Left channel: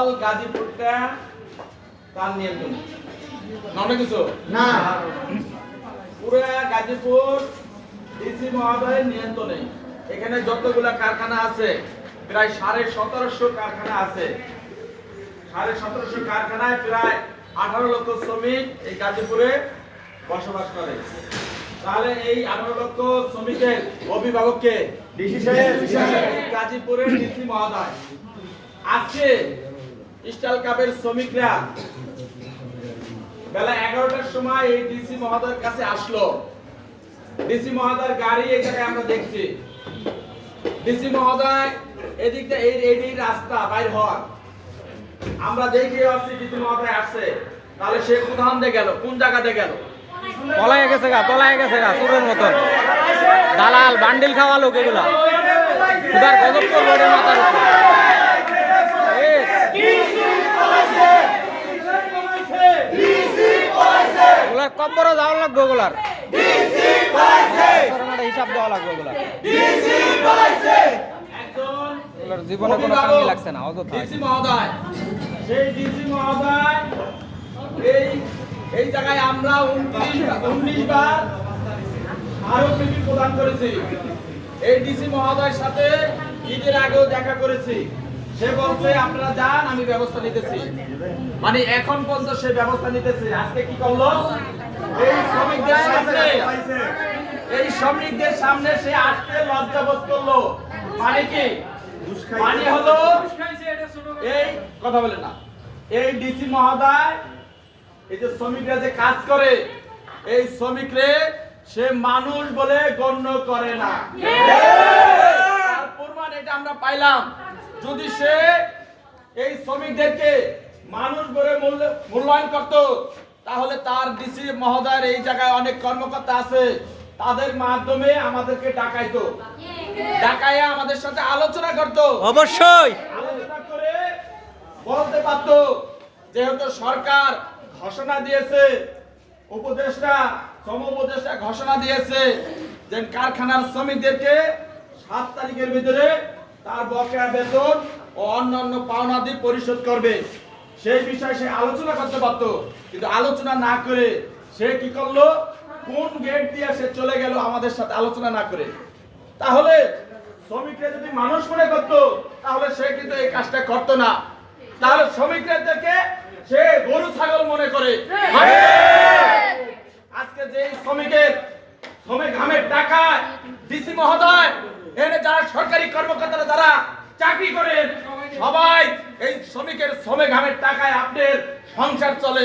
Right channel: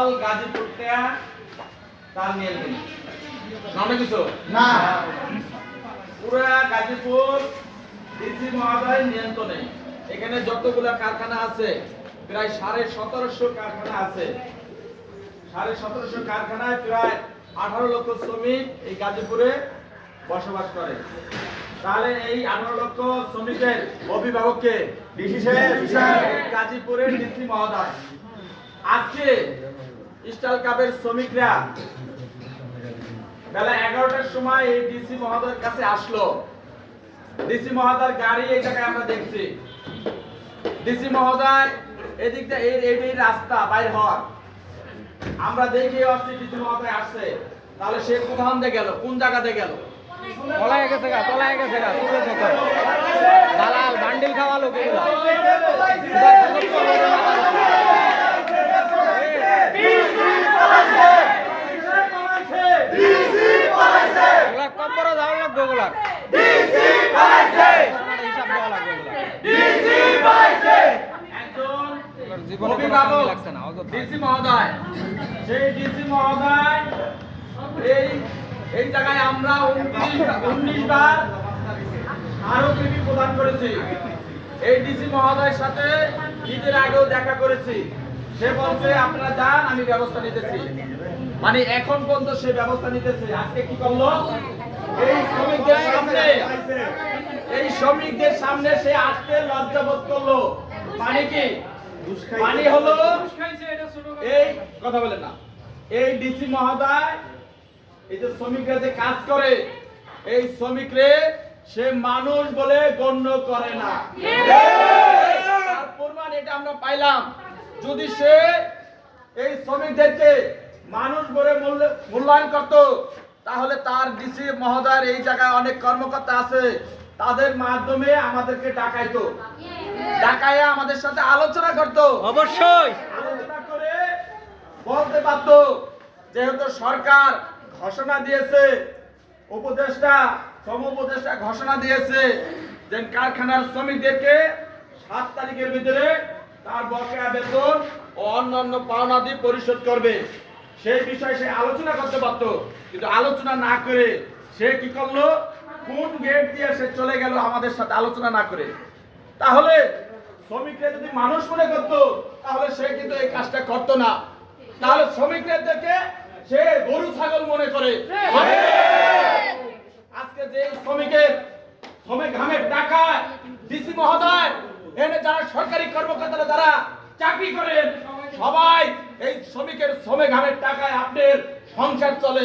All গাজীপুরটা তার নিয়ন্ত্রণ নামে কিছু না। পুরো গাজীপুর ডিসি মহোদয়ের নিয়ন্ত্রণে। এখানে যতগুলা কারখানা আছে প্রায় সাড়ে সতেরোশো কারখানা আছে। সাড়ে সতেরোশো কারখানায় প্রায় আঠারো লক্ষ শ্রমিক এই গাজীপুরে বসবাস করে। তাহলে এই আঠারো লক্ষ শ্রমিকের অভিভাবককে গাজীপুরের ডিসি মহোদয়। আজকে স্টাইল কাপের শ্রমিকরা বেলা এগারোটার সময় এই ডিসি মহোদয়ের কাছে আসলো। ডিসি মহোদয়ের গাড়ি এই জায়গায় আমরা দেখছি। ডিসি মহোদয় এদিক দিয়ে এই এই রাস্তা বাইর হওয়ার। আমরা দেখে আসছি ডিসি মহোদয় আসছে। তাহলে সে দিয়ে গেল? কোন জায়গাতে গেল? তলায় গেছে গা, তলায় গেছে গা সুরের মতো দালাল, বান্ডিল খাওয়া লোক এগুলা। একটা হিসাব দেওয়া লাগবে একজন জীবনে কোনো লাগছে না ডিসি মহোদয় সেই ডিসি মহোদয় এই এই জায়গায় আমরা উনত্রিশ উনিশ বার আরও প্রদান করেছি। এই ডিসি মহোদয়ের সাথে ঈদের আগেও দেখা করেছি। সে বলছে আপনারা যান আমি ব্যবস্থা নিতেছি। মানে এখন পর্যন্ত সে ব্যবস্থা নিতেছে। আজকে কি করল? এই শ্রমিকদের সামনে এই শ্রমিকদের সামনে সে আজকে লজ্জাবোধ করল। মানে কি? মানে হলো এই কথা বলে না এই ডিসি মহোদয় এই যে শ্রমিকরা যে কাজ করে এই শ্রমিকরে সে মানুষ বলে গণ্য করে না। তার প্রমাণ এটা আমরা পাইলাম। যদি সে এই শ্রমিকদেরকে মানুষ বলে মূল্য- মূল্যায়ন করত তাহলে তার ডিসি মহোদয়ের এই জায়গায় অনেক কর্মকর্তা আছে তাদের মাধ্যমে আমাদেরকে ডাকাইতো। ডাকাইয়া আমাদের সাথে আলোচনা করতো। অবশ্যই। আলোচনা করে বলতে পারতো যেহেতু সরকার ঘোষণা দিয়েছে উপদেষ্টা শ্রম উপদেষ্টা ঘোষণা দিয়েছে যে কারখানার শ্রমিকদেরকে সাত তারিখের ভিতরে তার বকেয়া বেতন ও অন্যান্য পাওনাদি পরিশোধ করবে। সেই বিষয়ে সে আলোচনা করতে পারতো, কিন্তু আলোচনা না করে সে কি করল? কোন গেট দিয়ে সে চলে গেল আমাদের সাথে আলোচনা না করে? তাহলে শ্রমিকরা যদি মানুষ মনে করতো, তাহলে সে কিন্তু এই কাজটা করতো না। তাহলে শ্রমিকরা থেকে সে গরু, ছাগল মনে করে। আজকে যে শ্রমিকের, শ্রমিক ঘামের টাকায় ডিসি মহোদয় সরকারি কর্মকর্তারা যারা চাকরি করেন সবাই এই শ্রমিকের শ্রমে ঘামের টাকায় আপনার সংসার চলে।